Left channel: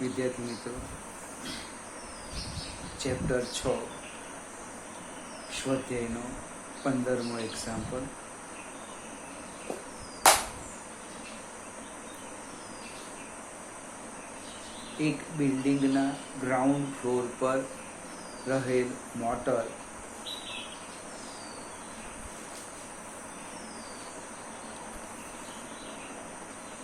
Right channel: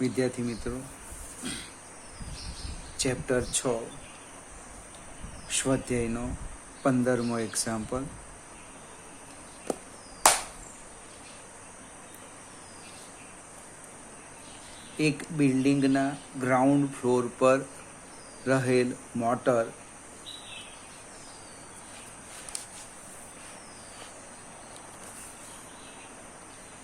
વિદ્યાર્થી મિત્રો, chapter 6 સ્વાધ્યાયનો 15મો example. એક બિલ્ડિંગના ગ્રાઉન્ડ ફ્લોર પર રહેલ મોટર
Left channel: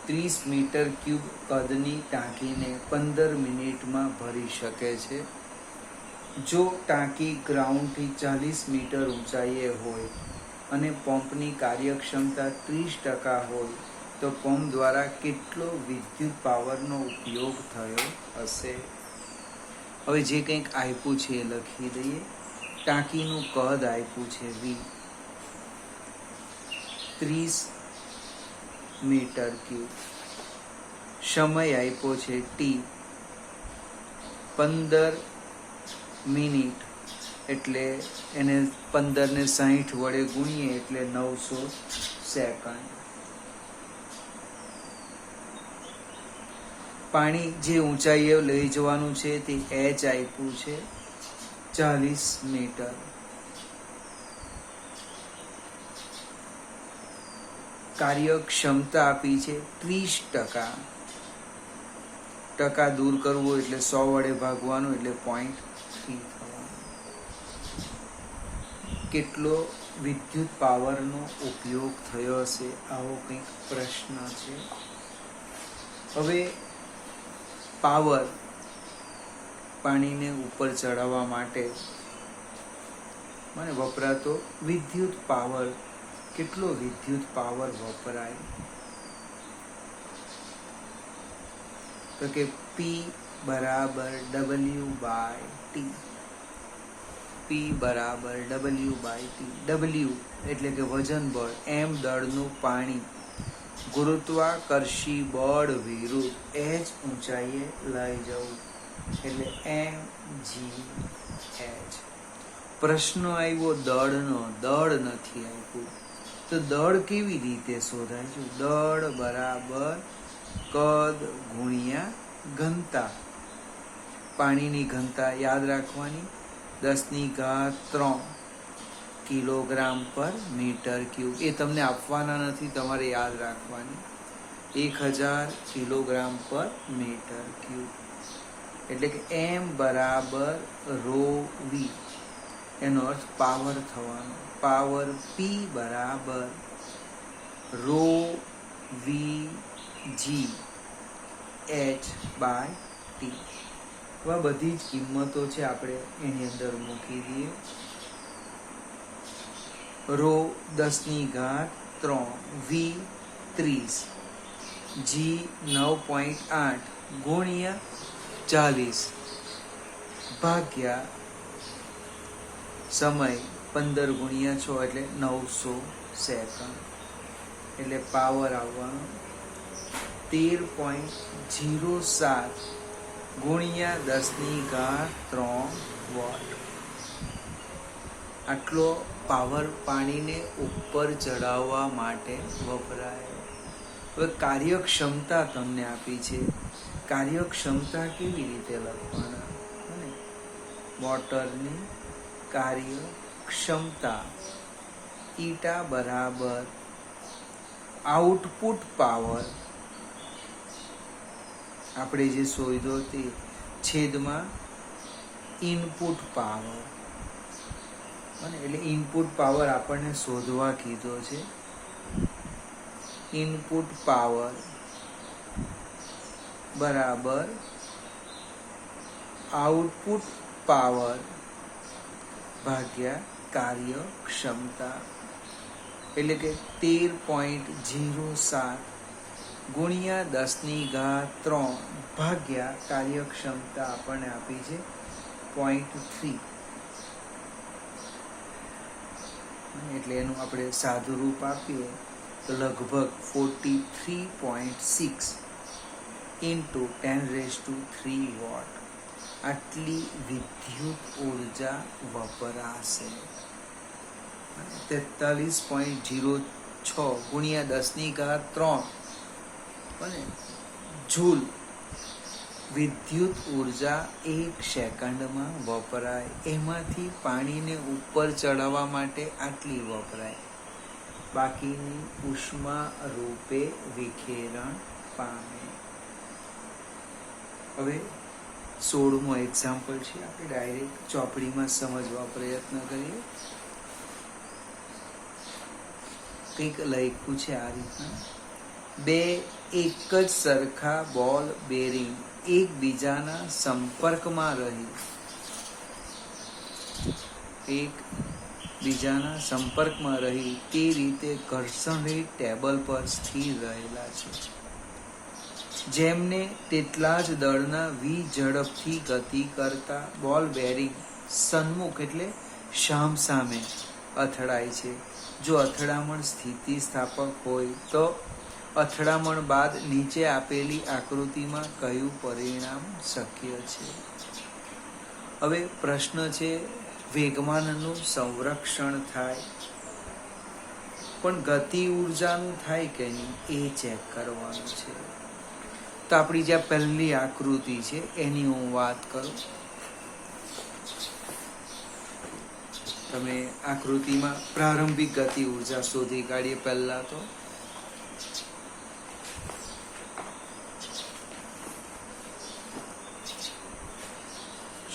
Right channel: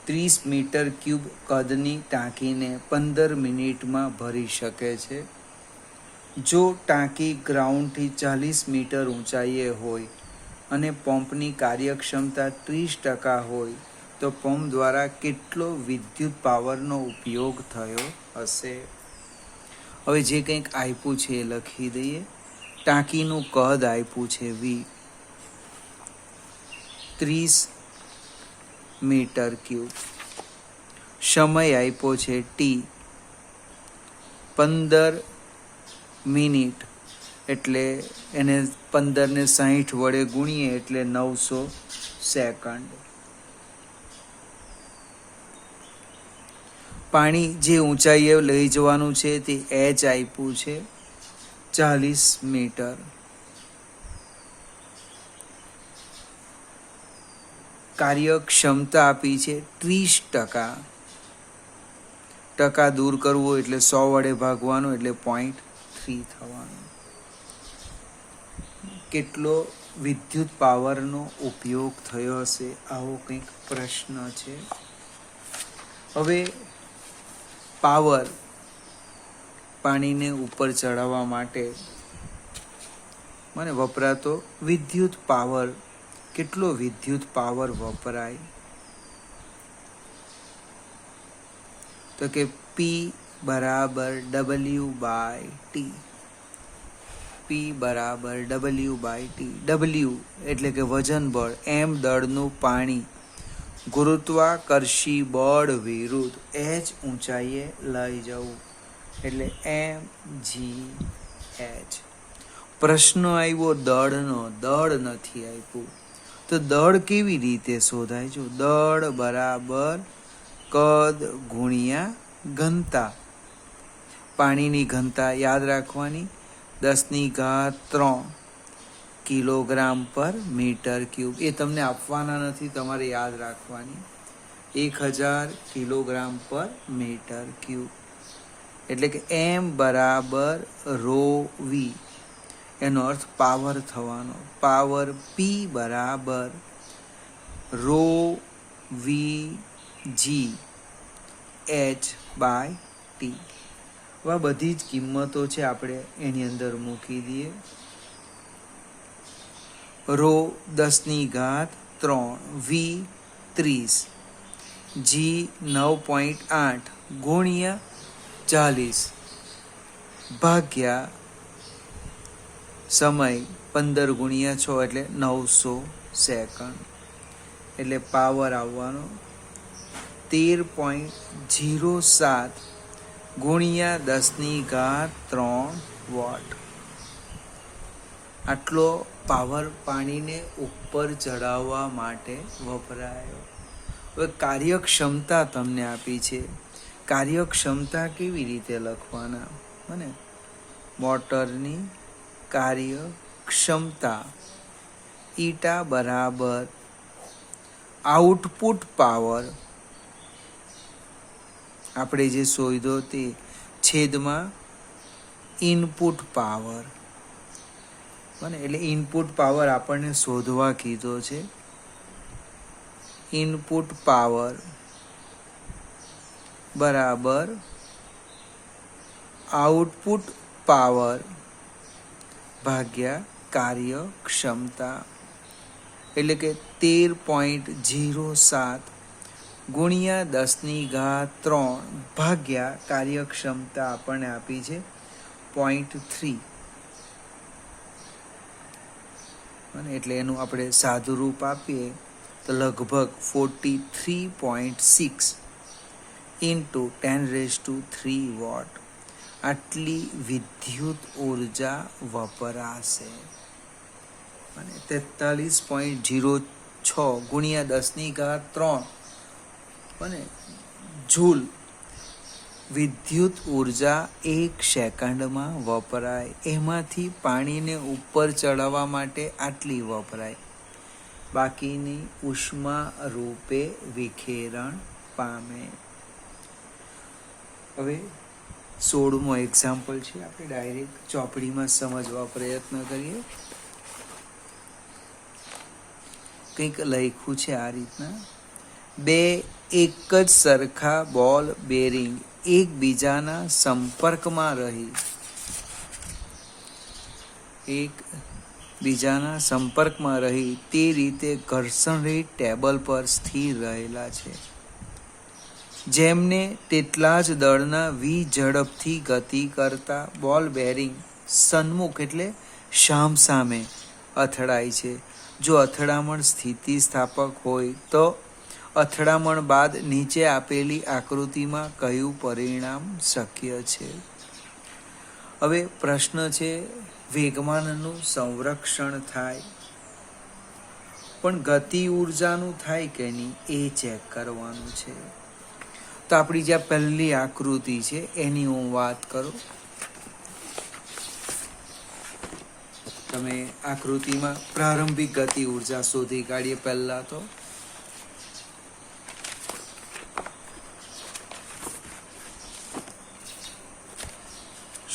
30 મીટર ક્યુબ કદની ટાંકીને 15 મિનિટમાં ભરી શકે છે. જો ટાંકી ગ્રાઉન્ડથી 40 મીટર ઊંચાઈએ હોય અને પંપની કાર્યક્ષમતા 30% હોય તો પંપ દ્વારા કેટલો વિદ્યુત પાવરનો ઉપયોગ થયો હશે? હવે જે કંઈક આપ્યું છે એ લખી દઈએ. ટાંકીનું કદ આપ્યું છે V, 30 મીટર ક્યુબ. સમય આપ્યો છે T, 15 મિનિટ, એટલે એને 15 ને 60 વડે ગુણીએ એટલે 900 સેકન્ડ. પાણી જે ઊંચાઈએ લઈ જવાનું છે તે H આપ્યું છે 40 મીટર. કાર્યક્ષમતા આપી છે 30%. ટકા દૂર કરવો એટલે 100 વડે ભાગવાનું એટલે 0.3 થવાનું. કેટલો વિદ્યુત પાવરનો ઉપયોગ થયો હશે? આવો કંઈક પ્રશ્ન છે. હવે પાવર, પાણીને ઉપર ચડાવવા માટે મને વપરાતો વિદ્યુત પાવર, કેટલો વિદ્યુત પાવર વપરાય? તો કે P બરાબર W/T. P બરાબર W/T. W એટલે કે વજન બળ, M દળનું પાણી ગુરુત્વાકર્ષી બળ વિરુદ્ધ H ઊંચાઈએ લઈ જવું એટલે mgh. પ્રશ્ન આવ્યો દળનો, દળ નથી આપ્યું. તો દળ કેવી રીતે શોધાય છે? દળ બરાબર કદ ગુણ્યા ઘનતા. પાણીની ઘનતા યાદ રાખવાની, 10³ કિલોગ્રામ પર મીટર ક્યુબ. એ તમને આપવાના નથી, તમારે યાદ રાખવાની. 1000 કિલોગ્રામ પર મીટર ક્યુબ એટલે કે M બરાબર ρV. એનો અર્થ પાવર થવાનો. પાવર P બરાબર ρVg H/T. આ બધી જ કિંમતો છે, આપણે એની અંદર મૂકી દઈએ. ρ10³ V 30, G 9.8 ગુણ્યા 40 ભાગ્યા સમય 15 ગુણ્યા 6 એટલે 900 સેકન્ડ. એટલે પાવર આવવાનો 13.07 ગુણ્યા 10³ વોટ. આટલો પાવર પાણીને ઉપર ચડાવવા માટે વપરાય. હવે કાર્યક્ષમતા તમને આપી છે. કાર્યક્ષમતા કેવી રીતે લખવાના? અને મોટરની કાર્યક્ષમતા ઈટા બરાબર આઉટપુટ પાવર, આપણે જે શોધ્યો તે, છેદમાં ઇનપુટ પાવર. એટલે ઇનપુટ પાવર આપણને શોધવા કીધો છે. ઇનપુટ પાવર બરાબર આઉટપુટ પાવર ભાગ્યા કાર્યક્ષમતા એટલે કે 13.07 ગુણ્યા 10³ ભાગ્યા કાર્યક્ષમતા આપણને આપી છે 0.3. એટલે એનું આપણે સાદું રૂપ આપીએ તો લગભગ 43.6 × 10³ વોટ. આટલી વિદ્યુત ઉર્જા વપરાશે. 43.06 ગુણ્યા 10³ અને જૂલ વિદ્યુત ઉર્જા 1 સેકન્ડમાં વપરાય, એમાંથી પાણીને ઉપર ચડાવવા માટે આટલી વપરાય, બાકીની ઉષ્મા રૂપે વિખેરણ પામે. હવે 16મો એક્ઝામ્પલ છે, આપણે ડાયરેક્ટ ચોપડીમાં સમજવા પ્રયત્ન કરીએ. કંઈક લખ્યું છે આ રીતના: 2 એક જ સરખા બોલ બેરિંગ એકબીજાના સંપર્કમાં રહી તે રીતે ઘર્ષણરહિત ટેબલ પર સ્થિર રહેલા છે, જેમને તેટલા જ દળના ઝડપથી ગતિ કરતા બોલ બેરિંગ સન્મુખ એટલે સામસામે અથડાય છે. જો અથડામણ સ્થિતિસ્થાપક હોય તો અથડામણ બાદ નીચે આપેલી આકૃતિમાં કયું પરિણામ શક્ય છે? હવે પ્રશ્ન છે, વેગમાનનું સંરક્ષણ થાય, પણ ગતિ ઉર્જાનું થાય કે નહીં એ ચેક કરવાનું છે. તો આપણી જે પહેલી આકૃતિ છે એની હું વાત કરું. તમે આકૃતિમાં પ્રારંભિક ગતિ ઉર્જા શોધી કાઢીએ. પહેલા તો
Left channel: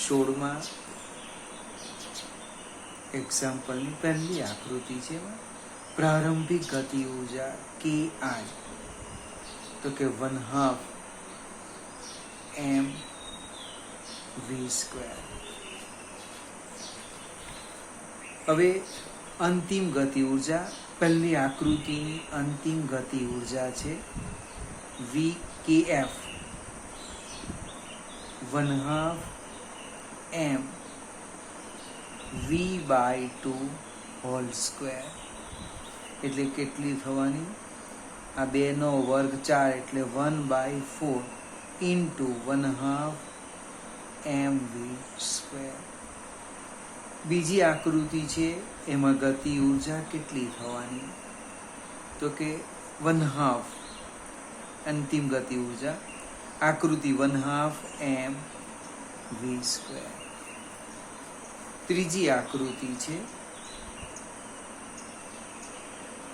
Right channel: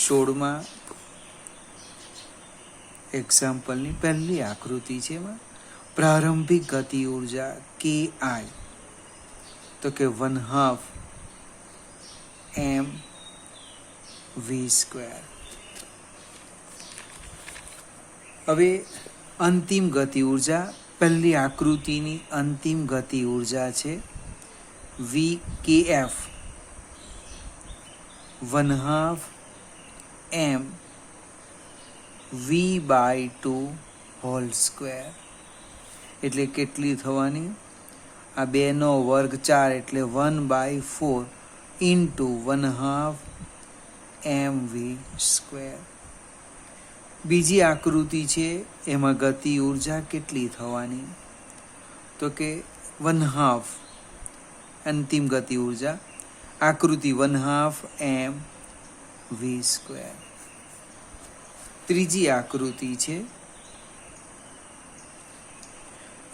સોળમાં એક્ઝામ્પલની પહેલી આકૃતિ છે, પ્રારંભિક ગતિ ઉર્જા KI, તો કે 1/2 mv². હવે અંતિમ ગતિ ઉર્જા, પહેલી આકૃતિની અંતિમ ગતિ ઉર્જા છે VKF, 1/2 mv/2². એટલે કેટલી થવાની? આ 2નો વર્ગ 4 એટલે 1/4 × 1/2 mv². બીજી આકૃતિ છે, એમાં ગતિ ઉર્જા કેટલી થવાની? તો કે 1/2 અંતિમ ગતિ ઉર્જા, આકૃતિ 1/2 mv². ત્રીજી આકૃતિ છે,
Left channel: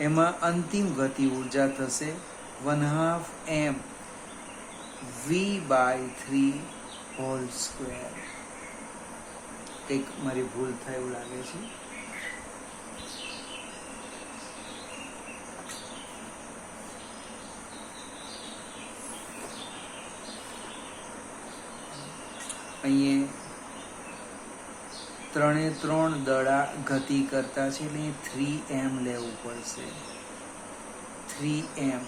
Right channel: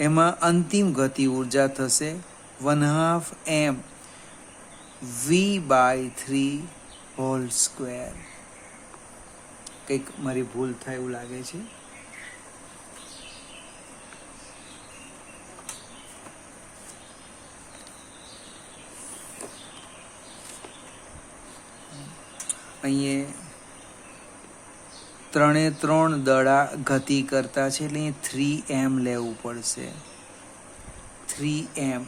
એમાં અંતિમ ગતિ ઉર્જા થશે 1/2 mv/3². કંઈક મારી ભૂલ થાય એવું લાગે છે. અહીંયા 3 દડા ગતિ કરતા છે, એટલે 3m લેવું પડશે. 3m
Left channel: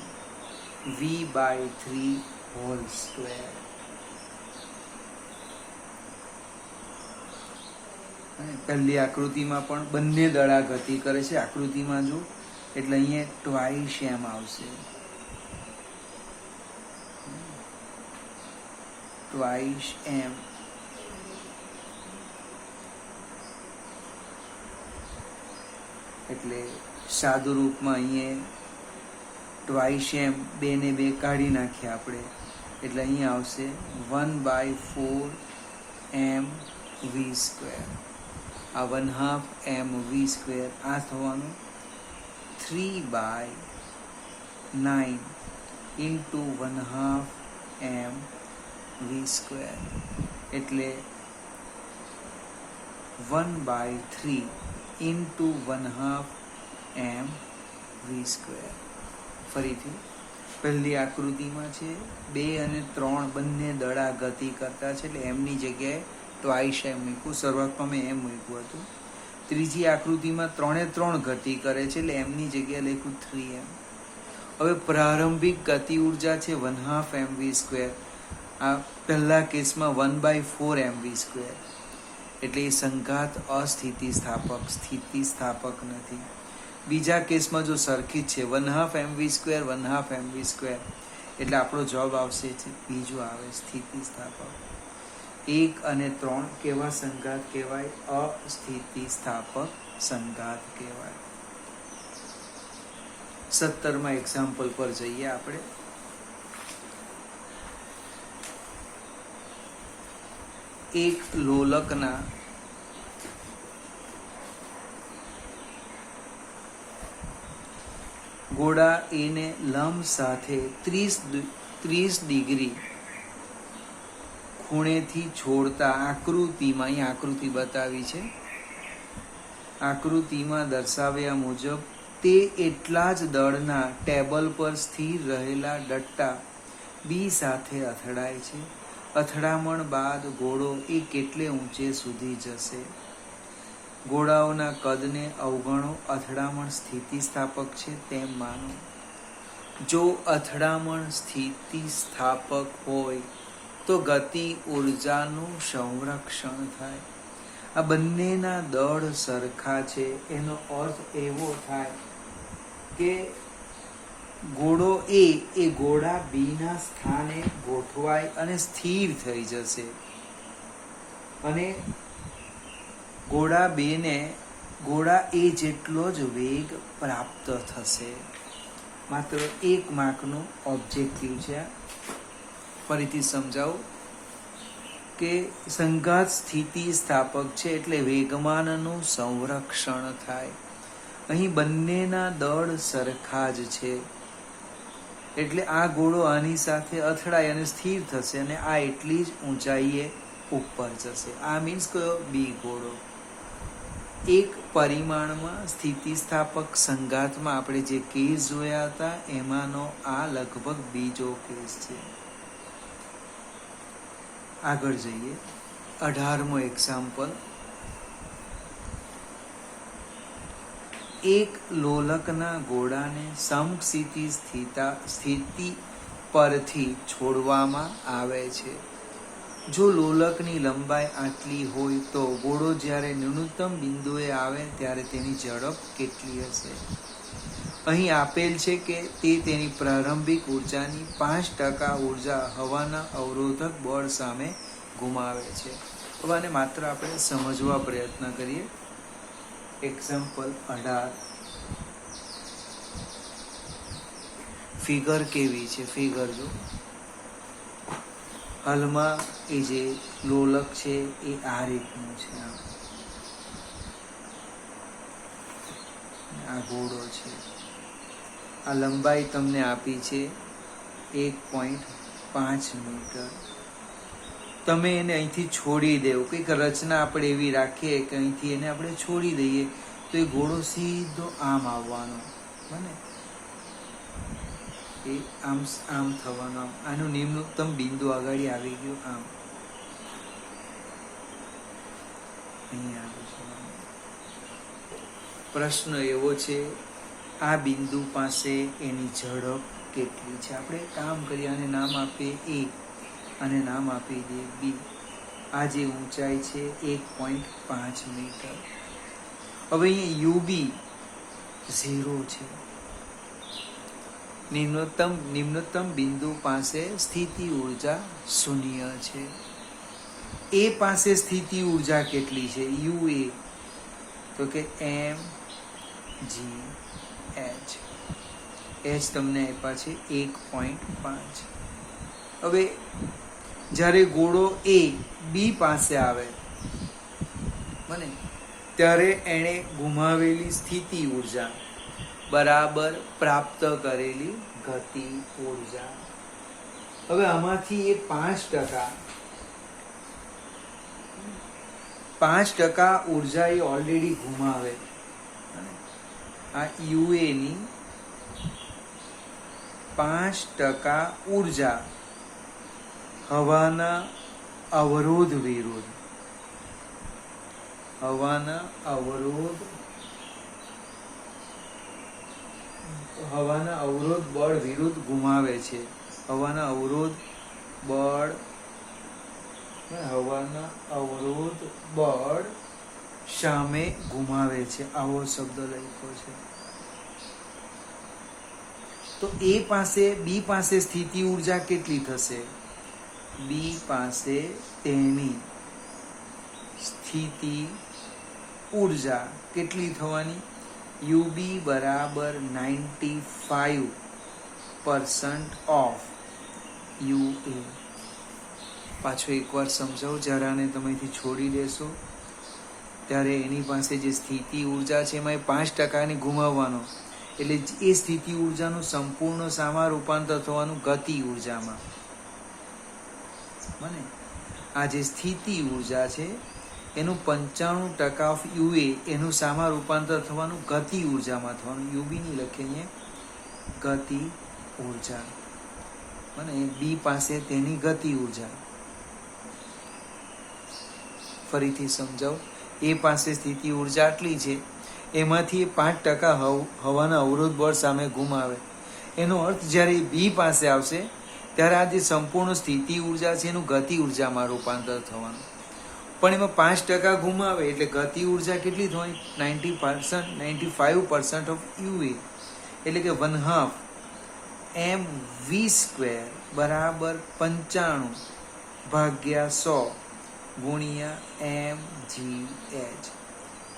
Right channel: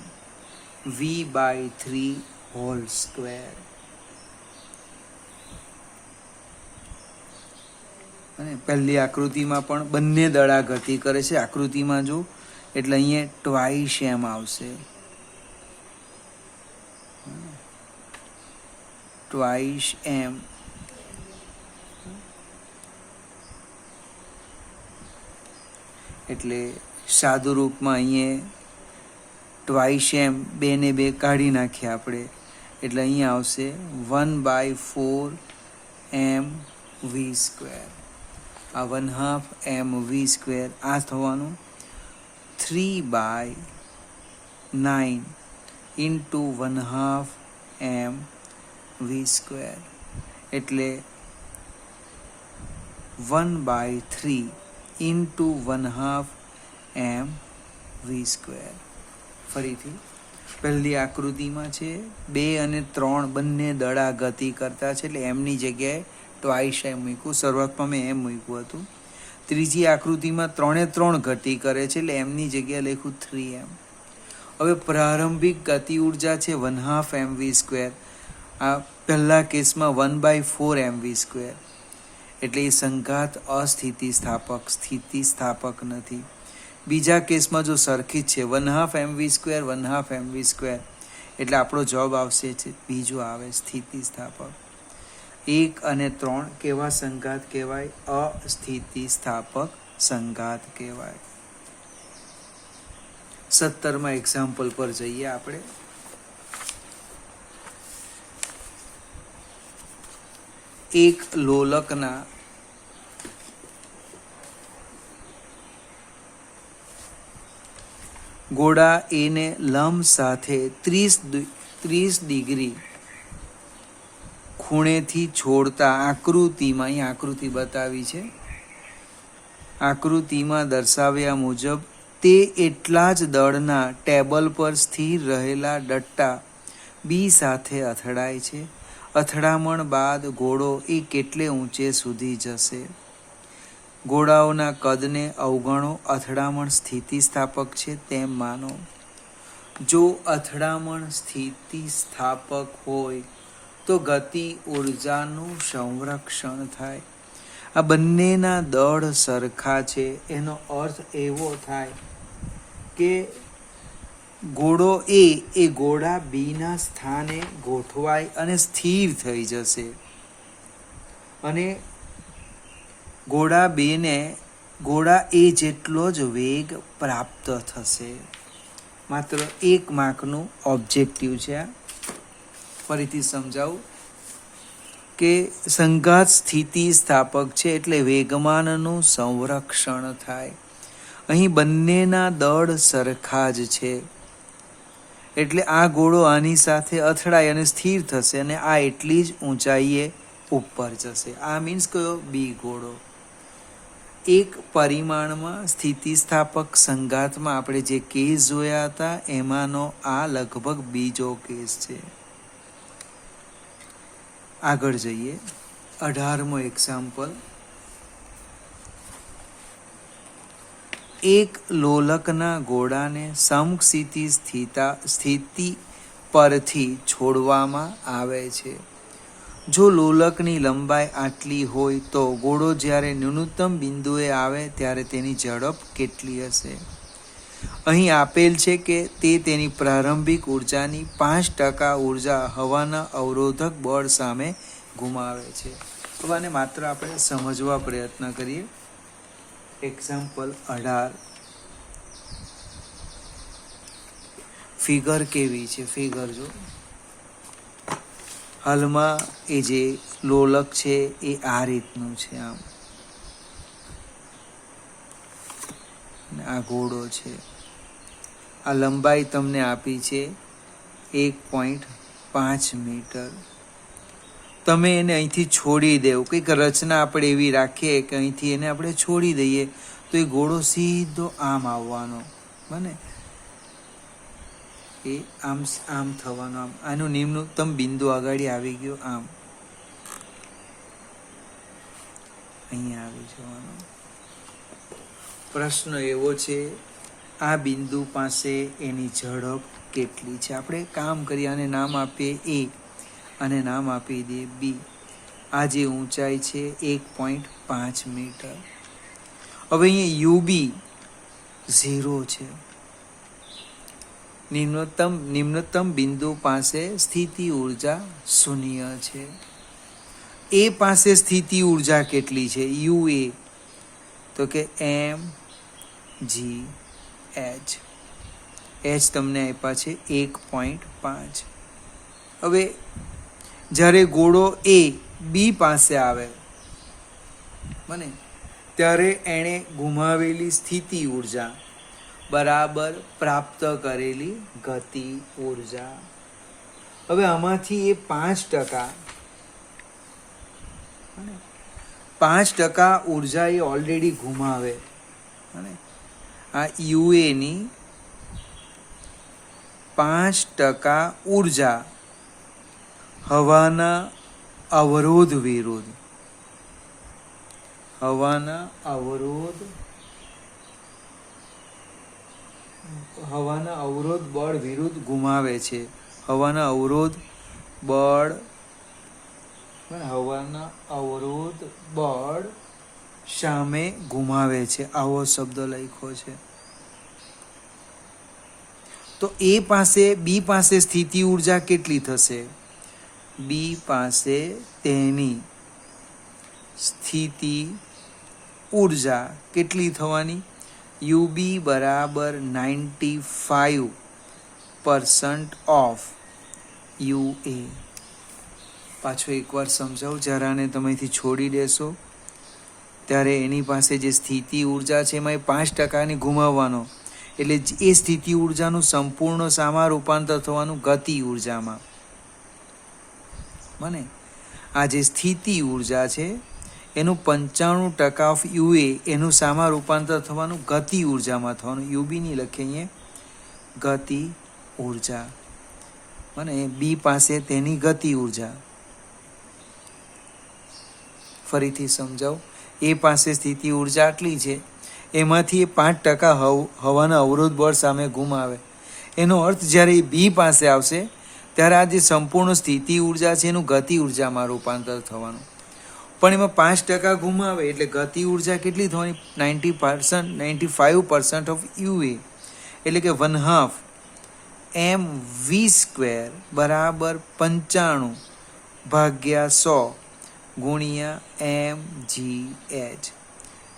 v/3². પહેલી આકૃતિમાં પણ બંને દડા ગતિ કરે છે. આકૃતિમાં જો એટલે અહીંયા 2m આવશે. 2m એટલે સાદુ રૂપમાં અહીંયા 2m 2 ને 2 કાઢી નાખીએ આપણે, એટલે અહીંયા આવશે 1/4 mv². આ 1/2 mv², આ થવાનું 3/9 × 1/2 mv², એટલે 1/3 × 1/2 mv². ફરીથી પહેલી આકૃતિમાં છે 2 અને 3 બંને દડા ગતિ કરતા છે, એટલે એમની જગ્યાએ 2m મૂક્યું. શરૂઆતમાં મેં એમ મૂક્યું હતું. ત્રીજી આકૃતિમાં 3 ગતિ કરે છે, એટલે એમની જગ્યાએ લખ્યું 3m. હવે પ્રારંભિક ગતિ ઉર્જા છે 1/2 mv². આ પહેલા કેસમાં 1/4 mv², એટલે એ સંઘાત સ્થિતિસ્થાપક નથી. બીજા કેસમાં જો સર્કિટ છે 1/2 mv², 1/2 mv², એટલે આપણો જવાબ આવશે છે બીજું આવે સ્થિતિસ્થાપક. 1 અને 3 કેવા સંઘાત કહેવાય? અસ્થિતિસ્થાપક સંઘાત કહેવાય. 17મા એક્ઝામ્પલ પર જઈએ આપણે. એક લોલકના ગોળા એને લંબ સાથે 30 ડિગ્રી ખૂણેથી છોડતા આકૃતિમાં, અહીં આકૃતિ બતાવી છે, આકૃતિમાં દર્શાવ્યા મુજબ તે એટલા જ દળના ટેબલ પર સ્થિર રહેલા ડટ્ટા બી સાથે અથડાય છે. અથડામણ બાદ ઘોડો એ કેટલે ઊંચે સુધી જશે? ઘોડાઓના કદને અવગણો. અથડામણ સ્થિતિસ્થાપક છે તેમ માનો. જો અથડામણ સ્થિતિસ્થાપક હોય તો ગતિ ઉર્જાનું સંરક્ષણ થાય. આ બંનેના દળ સરખા છે. એનો અર્થ એવો થાય કે ઘોડો એ ઘોડા બીના સ્થાને ગોઠવાય અને સ્થિર થઈ જશે, અને ઘોડા એ જેટલો જ વેગ પ્રાપ્ત થશે. માત્ર 1 માર્કનું ઓબ્જેક્ટિવ છે. ફરીથી સમજાવું કે સંઘાત સ્થિતિ સ્થાપક છે એટલે વેગમાનનું સંરક્ષણ થાય. અહીં બંનેના દળ સરખા જ છે એટલે આ ઘોડો આની સાથે અથડાય અને સ્થિર થશે, અને આ એટલી જ ઊંચાઈએ ઉપર જશે. આ મીન્સ કયો? બી ઘોડો. એક પરિમાણમાં સ્થિતિસ્થાપક સંઘાતમાં આપણે જે કેસ જોયા હતા એમાંનો આ લગભગ બીજો કેસ છે. આગળ જઈએ. 18મો એક્ઝામ્પલ. એક લોલકના ઘોડાને સમક્ષિતિ સ્થિતિ પરથી છોડવામાં આવે છે. જો લોલકની લંબાઈ આટલી હોય તો ઘોડો જ્યારે ન્યૂનતમ બિંદુએ આવે ત્યારે તેની ઝડપ કેટલી હશે? અહીં આપેલ છે કે તે તેની પ્રારંભિક ઉર્જાની 5% ઉર્જા હવાના અવરોધક બળ સામે ગુમાવે છે. તો આને માત્ર આપણે સમજવા પ્રયત્ન કરીએ. એક્ઝામ્પલ 18. ફિગર કેવી છે? ફિગર જો હાલમાં એ જે લોલક છે એ આ રીતનું છે. આ ઘોડો છે. આ લંબાઈ તમને આપી છે 1.5 મીટર. તમે એને અહીંથી છોડી દેવો, કંઈક રચના આપણે એવી રાખીએ કે અહીંથી એને આપણે છોડી દઈએ તો એ ઘોડો સીધો આમ આવવાનો, બને એ આમ થવાનો. આનું નિમ્નતમ બિંદુ આગળ આવી ગયું, આમ અહીંયા આવ્યું છે. પ્રશ્ન એવો છે, આ બિંદુ પાસે એની ઝડપ કેટલી છે? આપણે કામ કરીએ, આને નામ આપીએ એ અને નામ આપી દઈએ બી. આ જે ઊંચાઈ છે 1.5 મીટર. હવે અહીંયા યુબી 0 છે. નિમ્નતમ બિંદુ પાસે સ્થિતિ ઉર્જા 0 છે. એ પાસે સ્થિતિ ઉર્જા કેટલી છે? યુએ તો કે mgh. એચ તમને આપ્યા છે 1.5. હવે જ્યારે ઘોડો એ બી પાસે આવે બને ત્યારે એણે ગુમાવેલી સ્થિતિ ઉર્જા બરાબર પ્રાપ્ત કરેલી ગતિ ઉર્જા. હવે આમાંથી એ 5% ઉર્જા એ ઓલરેડી ગુમાવે. આ યુએની 5% ઉર્જા હવાના અવરોધ વિરુદ્ધ હવાના અવરોધ બળ વિરુદ્ધ ગુમાવે છે. હવાના અવરોધ બળ સામે ગુમાવે છે. આવો શબ્દ લખ્યો છે. તો એ પાસે બી પાસે સ્થિતિ ઉર્જા કેટલી થશે? બી પાસે તેની સ્થિતિ ઉર્જા કેટલી થવાની? યુબી બરાબર 95% ઓફ યુએ. પાછો એકવાર સમજાવું. જ્યારે આને તમે અહીંથી છોડી દેશો ત્યારે એની પાસે જે સ્થિતિ ઉર્જા છે એમાં 5% ગુમાવવાનો, એટલે એ સ્થિતિ ઉર્જાનું સંપૂર્ણ સામા રૂપાંતર થવાનું ગતિ ઉર્જામાં. બને આ જે સ્થિતિ ઉર્જા છે એનું 95% ઓફ યુએ એનું સામા રૂપાંતર થવાનું ગતિ ઉર્જામાં થવાનું. યુબી નહીં લખીએ અહીંયા, ગતિ ઉર્જા. બને બી પાસે તેની ગતિ ઉર્જા. ફરીથી સમજાવો. એ પાસે સ્થિતિ ઉર્જા આટલી છે, એમાંથી 5% હવાના અવરોધ બળ સામે ગુમાવે. એનો અર્થ જ્યારે બી પાસે આવશે ત્યારે આ જે સંપૂર્ણ સ્થિતિ ઉર્જા છે એનું ગતિ ઉર્જામાં રૂપાંતર થવાનું. પણ એમાં 5% ગુમાવે એટલે ગતિ ઉર્જા કેટલી થવાની? 95% ઓફ યુએ, એટલે કે 1/2 mv² બરાબર 95 ભાગ્યા 100 ગુણ્યા mgh.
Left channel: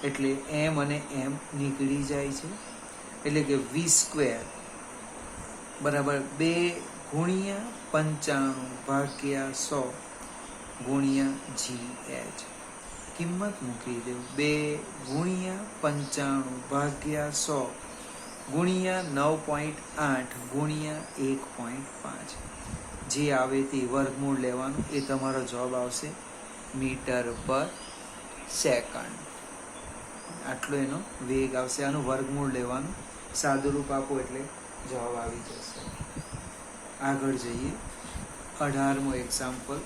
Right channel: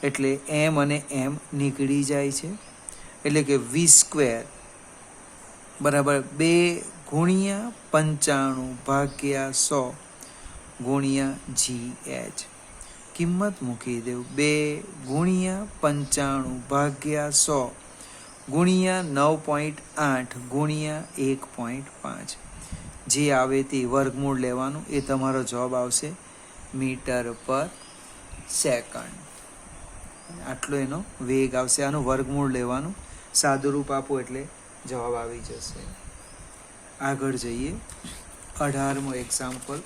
એટલે એમ અને એમ નીકળી જાય છે, એટલે કે v² બરાબર 2 ગુણ્યા 95 ભાગ્યા 100 ગુણ્યા gh. કિંમત મૂકી દેવું. 2 ગુણ્યા 95 ભાગ્યા 100 ગુણ્યા 9.8 ગુણ્યા 1.5. જે આવે તે વર્ગમૂળ લેવાનું. એ તમારો જવાબ આવશે મીટર પર સેકન્ડ. આટલો એનો વેગ આવશે. આનું વર્ગમૂળ લેવાનું, સાદુરૂપ આપો એટલે જવાબ આવી જશે. આગળ જઈએ. 18મું એક્ઝામ્પલ.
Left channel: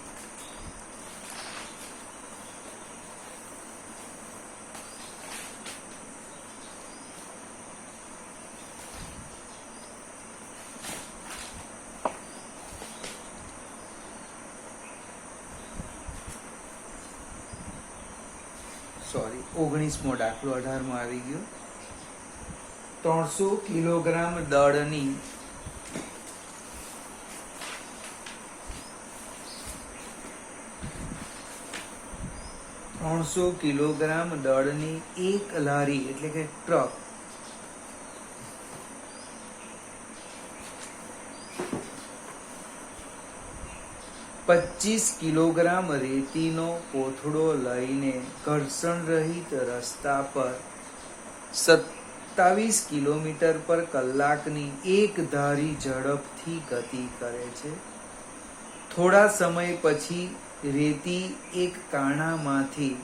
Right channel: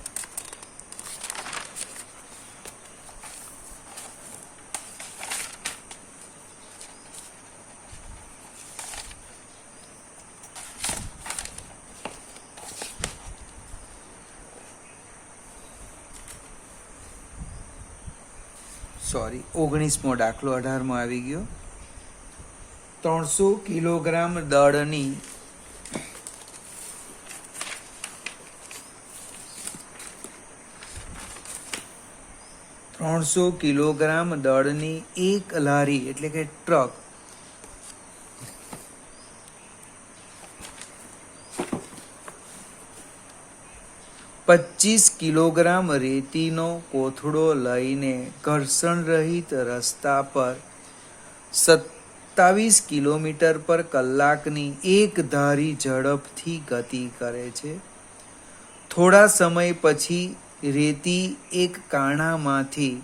સોરી 19મો દાખલો 18મો આવી ગયો. 300 કિલોગ્રામ દળની 300 કિલોગ્રામ દળની એક લારી એટલે કે ટ્રક 25 કિલોગ્રામ રેતીનો કોથળો લઈને ઘર્ષણ રહિત રસ્તા પર 27 કિલોમીટર પર કલાકની એક ધારી ઝડપથી ગતિ કરે છે. થોડા સમય પછી રેતી એક કાણામાંથી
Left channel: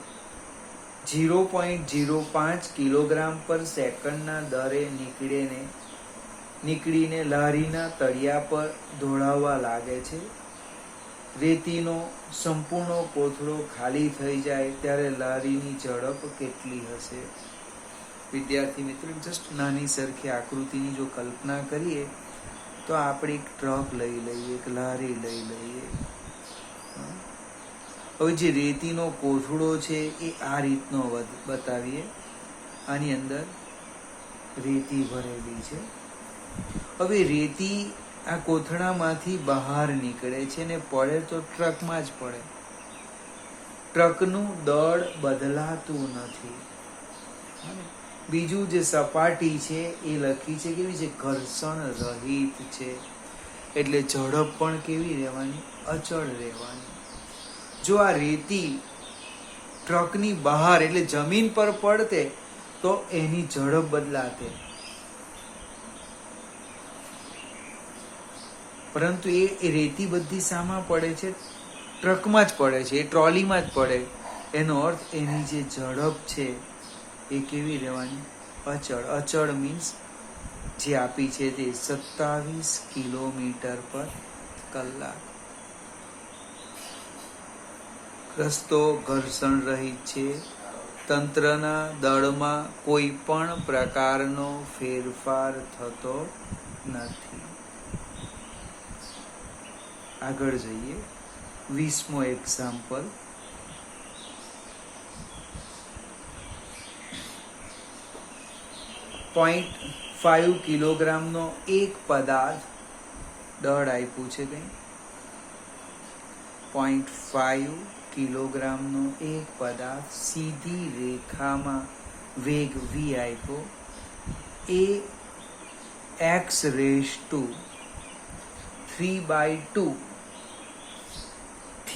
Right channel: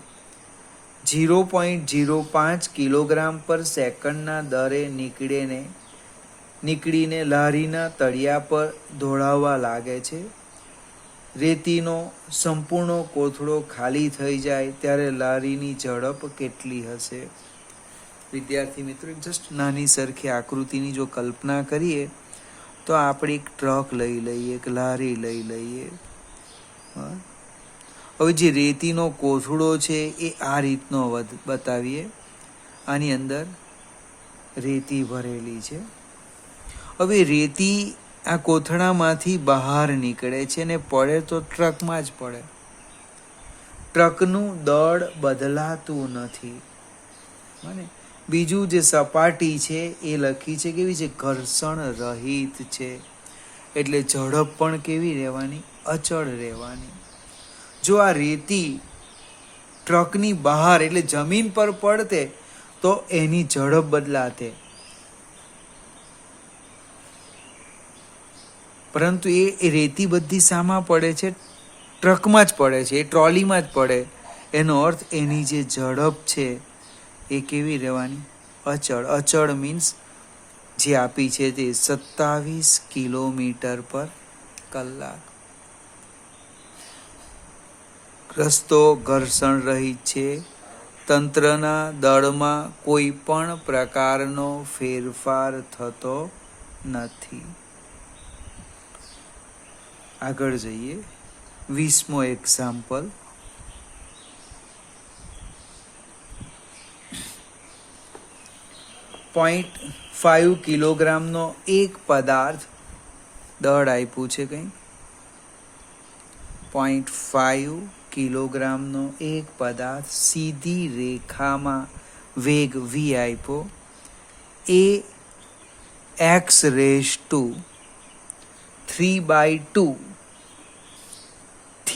0.05 કિલોગ્રામ પર સેકન્ડના દરે નીકળીને લારીના તળિયા પર દોડાવવા લાગે છે. રેતીનો સંપૂર્ણ કોથળો ખાલી થઈ જાય ત્યારે લારીની ઝડપ કેટલી હશે? વિદ્યાર્થી મિત્રો, જસ્ટ નાની સરખી આકૃતિની જો કલ્પના કરીએ તો આપણે એક ટ્રક લઈ લઈએ, એક લારી લઈ લઈએ. હવે જે રેતીનો કોથળો છે એ આ રીતનો બતાવીએ. આની અંદર રેતી ભરેલી છે. હવે રેતી આ કોથળામાંથી બહાર નીકળે છે ને પડે તો ટ્રકમાં જ પડે. ટ્રકનું દળ બદલાતું નથી. બીજું જે સપાટી છે એ લખી છે કેવી છે? ઘર્ષણ રહિત છે. એટલે ઝડપ પણ કેવી રહેવાની? અચળ રહેવાની. જો આ રેતી ટ્રકની બહાર એટલે જમીન પર પડતે તો એની ઝડપ બદલાતે, પરંતુ એ રેતી બધી શામાં પડે છે? ટ્રકમાં જ પડે છે, એ ટ્રોલીમાં જ પડે. એનો અર્થ એની જે ઝડપ છે એ કેવી રહેવાની? અચળ. અચળ મીન્સ જે આપી છે તે 27 કિલોમીટર પર કલાક. રસ્તો ઘર્ષણ રહિત છે. તંત્રના દળમાં કોઈ પણ પ્રકારનો ફેરફાર થતો નથી. આગળ જઈએ. 20મો એક્ઝામ્પલ. .5 કિલોગ્રામનો એક પદાર્થ દળ આપ્યું છે. કંઈ 0.5 કિલોગ્રામનો એક પદાર્થ સીધી રેખામાં વેગ v આપ્યો. એ x⁻³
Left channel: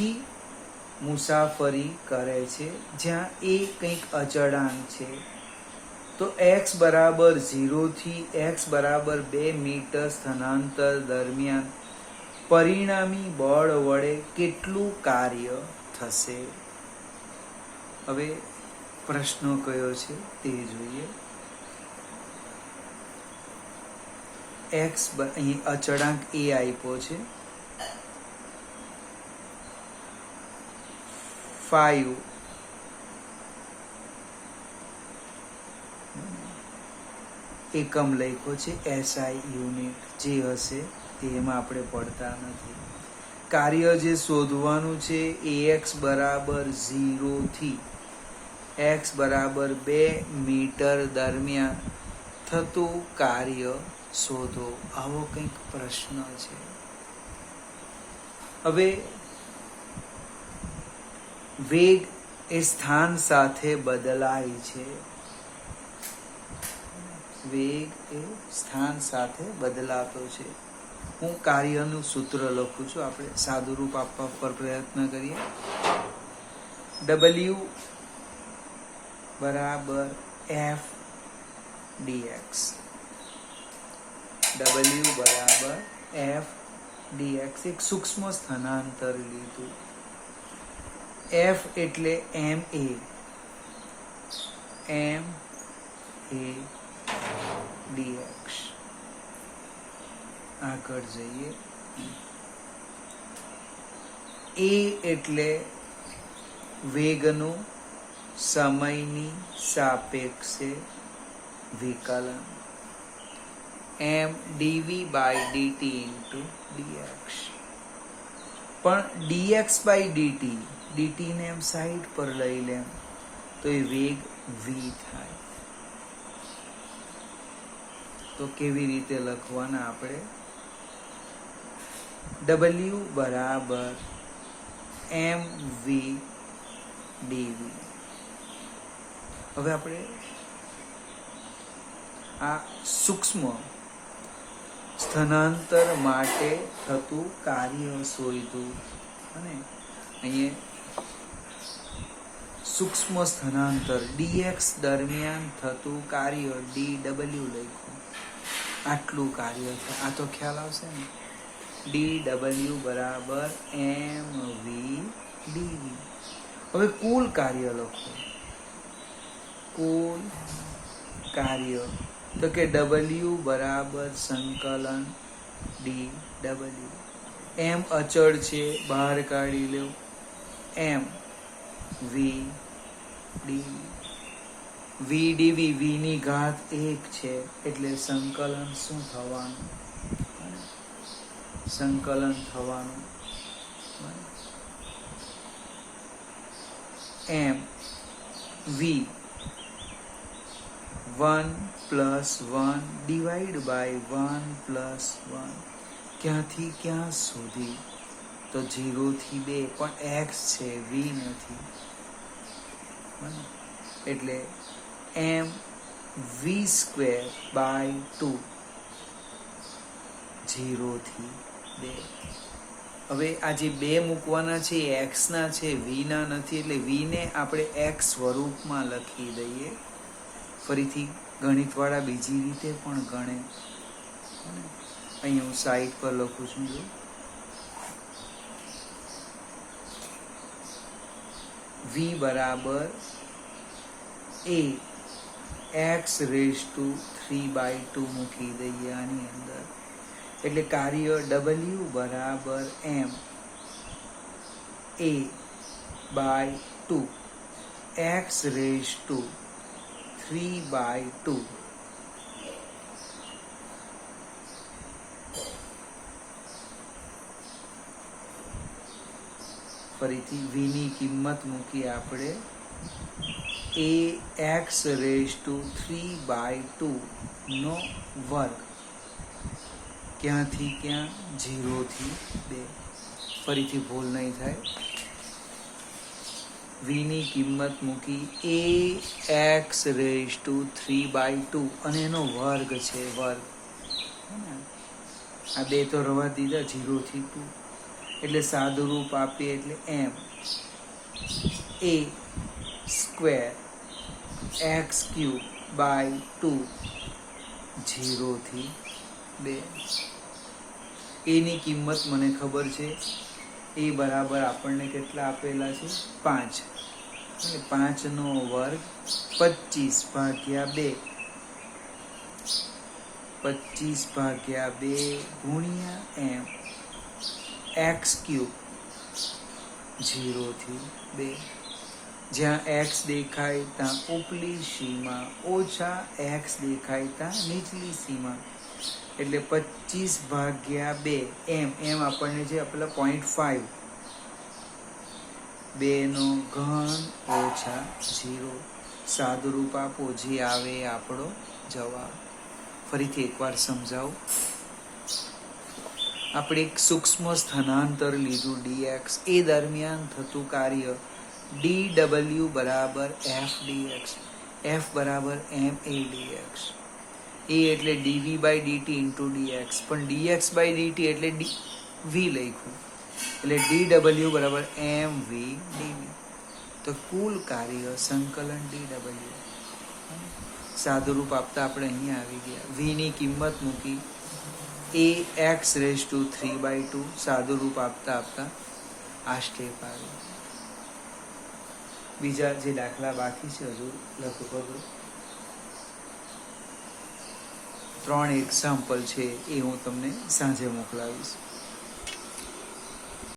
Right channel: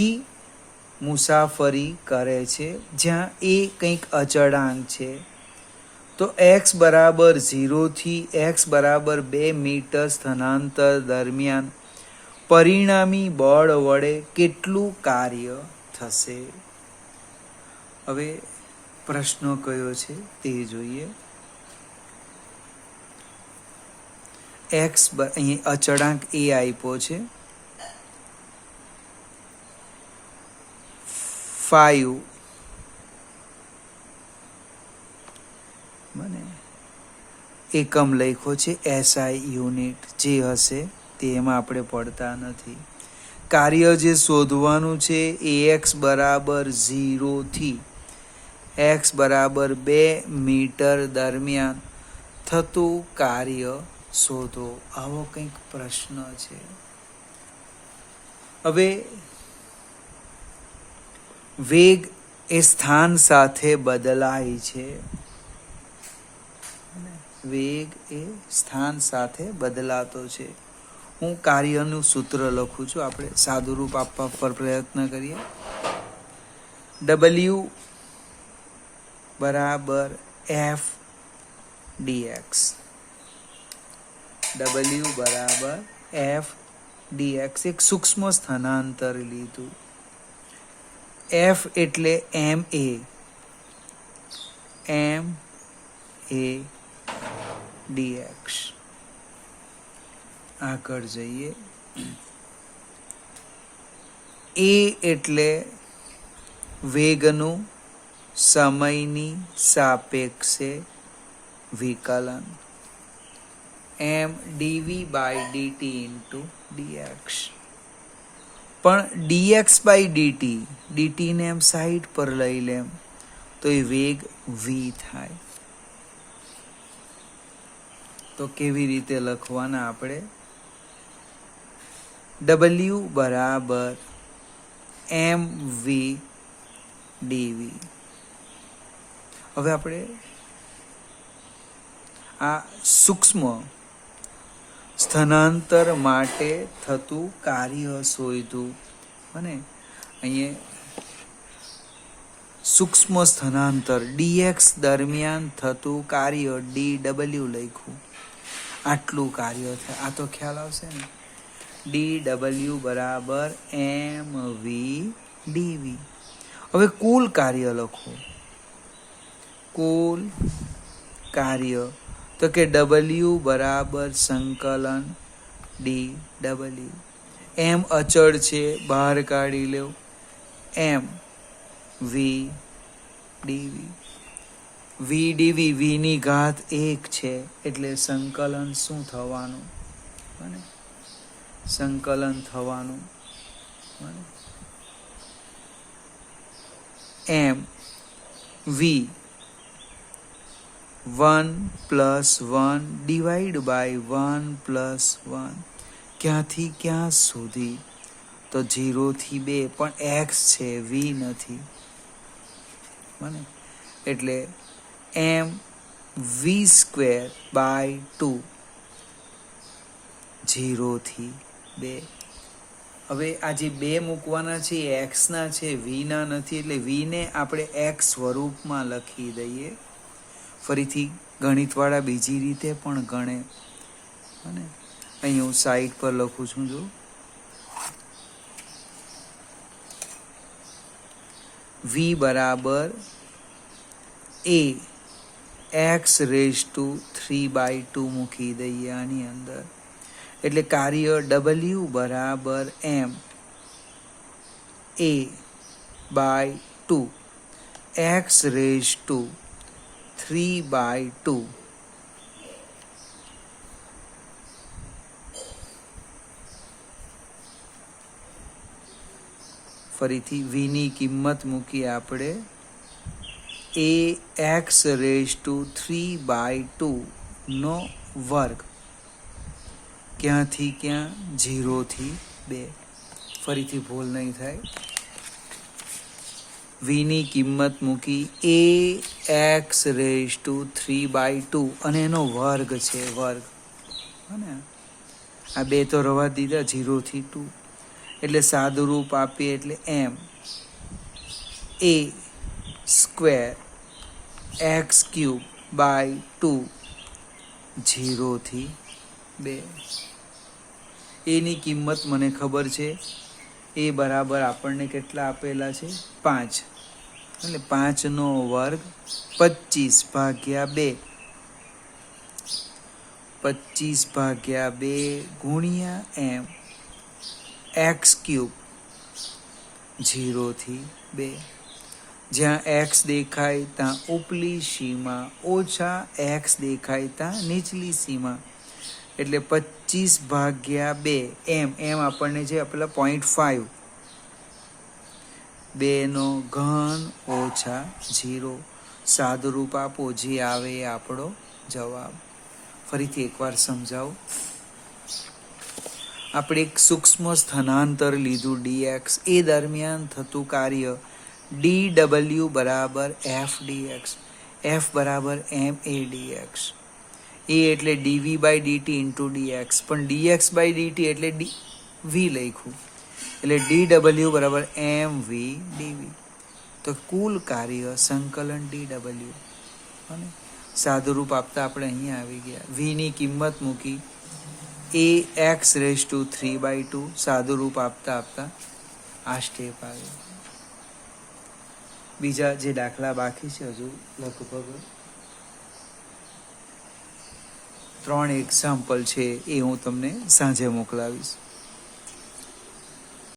થી મુસાફરી કરે છે, જ્યાં એ કંઈક અચળાંક છે. તો x બરાબર 0 થી x બરાબર 2 મીટર સ્થાનાંતર દરમિયાન પરિણામી બળ વડે કેટલું કાર્ય થશે? હવે પ્રશ્ન કયો છે તે જોઈએ. x અહીં અચળાંક a આપ્યો છે, 5 એકમ લખ્યો છે, SI યુનિટ જે હશે તે એમાં આપણે પડતા નથી. કાર્ય જે શોધવાનું છે ax બરાબર 0 થી x બરાબર 2 મીટર દરમિયાન થતું કાર્ય શોધો, આવો કંઈક પ્રશ્ન છે. હવે વેગ એ સ્થાન સાથે બદલાય છે. વેગ એ સ્થાન સાથે બદલાતો છે. હું કાર્યનું સૂત્ર લખું છું, આપણે સાદું રૂપ આપવા પર પ્રયત્ન કરીએ. W બરાબર F dx. W બરાબર F dx. એક સૂક્ષ્મ સ્થાનાંતર લીધું. F એટલે MA dx. આગળ જઈએ. A એટલે વેગનું સમયની સાપેક્ષે વિકલન, m dv by dt into dx. પણ dx by dt ને એમ સાઈડ પર લઈ લેમ તો એ વેગ v થાય. તો કેવી રીતે લખવાના આપણે? W બરાબર mv dv. હવે આપણે આ સૂક્ષ્મ સ્થાનાંતર માટે થતું કાર્ય શોધ્યું અને અહીંયા સૂક્ષ્મ સ્થાનાંતર dx દરમિયાન થતું કાર્ય dw લખ્યું. આટલું કાર્ય થાય, આ તો ખ્યાલ આવશે ને. dw બરાબર mv dv. હવે કુલ કાર્ય લખો. કુલ કાર્ય તો કે w બરાબર સંકલન dw. m અચળ છે, બહાર કાઢી લો. m v dv. v dv v ની ઘાત 1 છે એટલે સંકલન શું થવાનું? સંકલન થવાનું m v 1 + 1 ડિવાઈડ બાય 1 + 1. ક્યાંથી ક્યાં સુધી? તો 0 થી 2, પણ x છે, v નથી. એટલે m v²/2 0 થી 2. હવે આ જે 2 મૂકવાના છે એ x ના છે, v ના નથી, એટલે v ને આપણે x સ્વરૂપમાં લખી દઈએ. ફરીથી ગણિતવાળા બીજી રીતે પણ ગણે. અહીં હું સાઈડ પર લખું છું. જો v બરાબર a x⁵² મૂકી દઈએ આની અંદર. એટલે કાર્ય w બરાબર m a/2 x⁵². ફરીથી v ની કિંમત મૂકી આપણે a x⁵² નો વર્ગ. ક્યાંથી ક્યાં? 0 થી 2. ફરીથી ભૂલ નહીં થાય. v ની કિંમત મૂકી a x⁵² અને એનો વર્ગ છે, વર્ગ. આ 2 તો રવા દીધા, 0 થી 2. એટલે સાદુરૂપ આપીએ એટલે એમ એ સ્ક્વેર એક્સ ક્યુબ બાય 2 0 થી 2. એની કિંમત મને ખબર છે, એ બરાબર આપણને કેટલા આપેલા છે 5, એટલે 5નો વર્ગ 25 ભાગ્યા 2, 25 ભાગ્યા 2 ગુણ્યા એમ એક્સ ક્યુબ 0 થી 2. જ્યાં એક્સ દેખાય ત્યાં ઉપલી સીમા ઓછા એક્સ દેખાય ત્યાં નીચલી સીમા, એટલે 25 ભાગ્યા 2 એમ આપણને છે આપેલા 0.5, 2નો ઘન ઓછા 0. સાદુરૂપ આપો, જે આવે એ આપણો જવાબ. ફરીથી એકવાર સમજાવું. આપણે એક સૂક્ષ્મ સ્થાનાંતર લીધું dx, એ દરમિયાન થતું કાર્ય dw બરાબર f dx, f બરાબર ma dx, એ એટલે dv by dt into dx, પણ dx બાય dt એટલે v લખ્યું, એટલે dw બરાબર mv dv. તો કુલ કાર્ય સંકલન dw. સાદુરૂપ આપતા આપણે અહીંયા આવી ગયા. v ની કિંમત મૂકી એ એક્સ રેઝ ટુ 3/2. સાદુરૂપ આપતા આ સ્ટેપ આવે. બીજા જે દાખલા બાકી છે હજુ લગભગ 3 એક્ઝામ્પલ છે, એ હું તમને સાંજે મોકલાવીશ.